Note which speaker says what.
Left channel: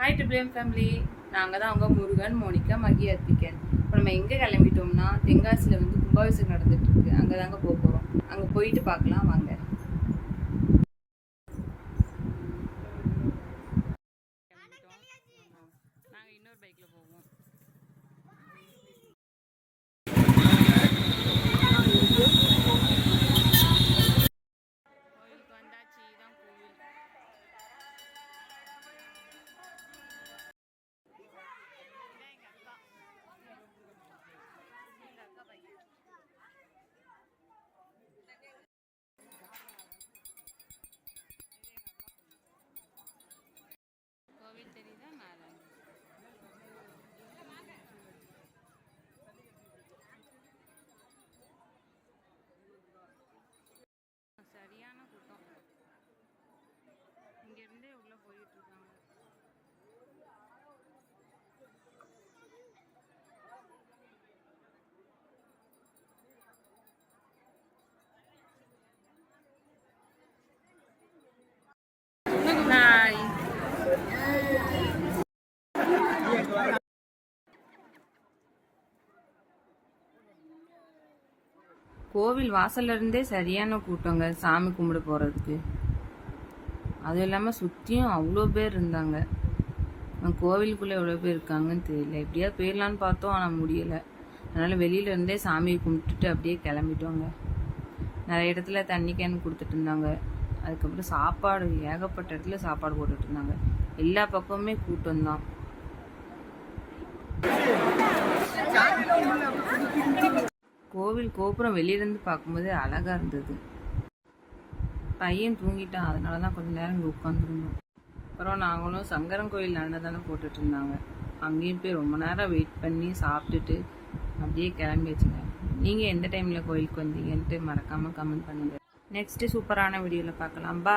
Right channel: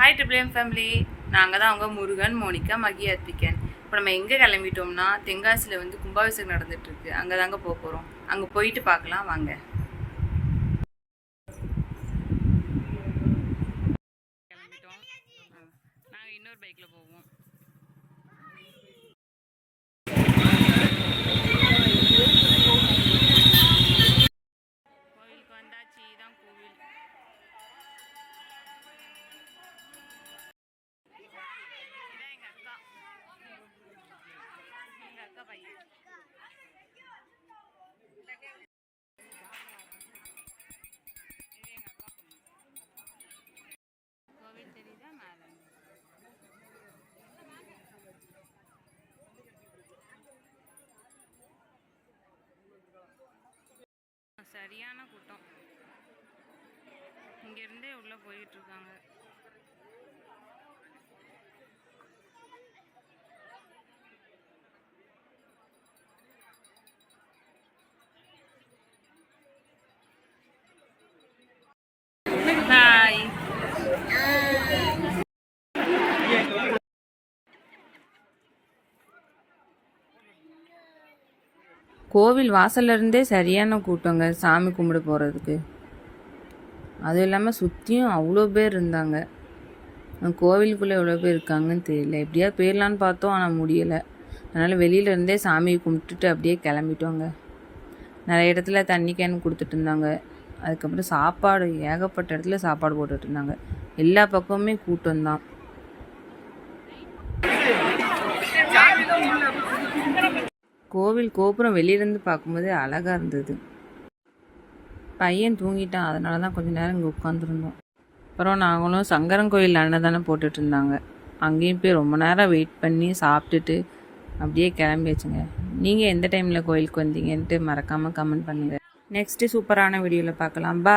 Speaker 1: Hi ட்ரிபிளியம் family நாங்கள் தான் அவங்க முருகன் மோனிகா மகி அர்த்திகன் இப்போ நம்ம எங்கே கிளம்பிட்டோம்னா தென்காசியில் வந்து கும்பாபிஷேகம் நடந்துட்டு அங்கே தாங்க போக போகிறோம் அங்கே போயிட்டு பார்க்கலாம் வாங்க. கிளம்பிட்டோம். நாங்கள் இன்னொரு பைக்கில் போவோம். சரியான கூட்டம். இங்கேருந்தே உள்ளே போயிட்டு இருக்காங்க ஹாய் கோவில் வாசல்ல இருந்தே சரியான கூட்டங்க சாமி கும்பிட போகிறதுக்கு அதுவும் இல்லாமல் சுற்றியும் அவ்வளோ பேர் இருந்தாங்க. கோவிலுக்குள்ளே எவ்வளோ பேர் இருக்காங்கன்னு தெரியல. எப்படியாவது போயிடலான்னு பார்த்தோம் ஆனால் முடியலை. அதனால் வெளியில இருந்தே சாமியை கும்பிட்டுட்டு அப்படியே கிளம்பிட்டோங்க. நிறைய இடத்துல தண்ணி கேன் கொடுத்துட்டு இருந்தாங்க. அதுக்கப்புறம் சாப்பாடு ஏகப்பட்ட இடத்துல சாப்பாடு போட்டுட்டு இருந்தாங்க. எல்லா பக்கமுமே கூட்டம் தான். கோவில் கோபுரம் வெளியிலேருந்து பார்க்கும்போது அழகாக இருந்தது. பையன் தூங்கிட்டான். அதனால தான் கொஞ்ச நேரம் இங்கே உட்காந்துருந்தோம் அப்புறம் நாங்களும் சங்கரன் கோயில் அன்னதானம் போட்டுட்டு இருந்தாங்க. அங்கேயும் போய் ரொம்ப நேரம் வெயிட் பண்ணி சாப்பிட்டுட்டு அப்படியே கிளம்பியாச்சுங்க. நீங்கள் எந்த டைமில் கோயிலுக்கு வந்தீங்கன்ட்டு மறக்காமல் கமெண்ட் பண்ணுங்க. நெக்ஸ்ட்டு சூப்பரான வீடியோவில் பார்க்கலாம். பா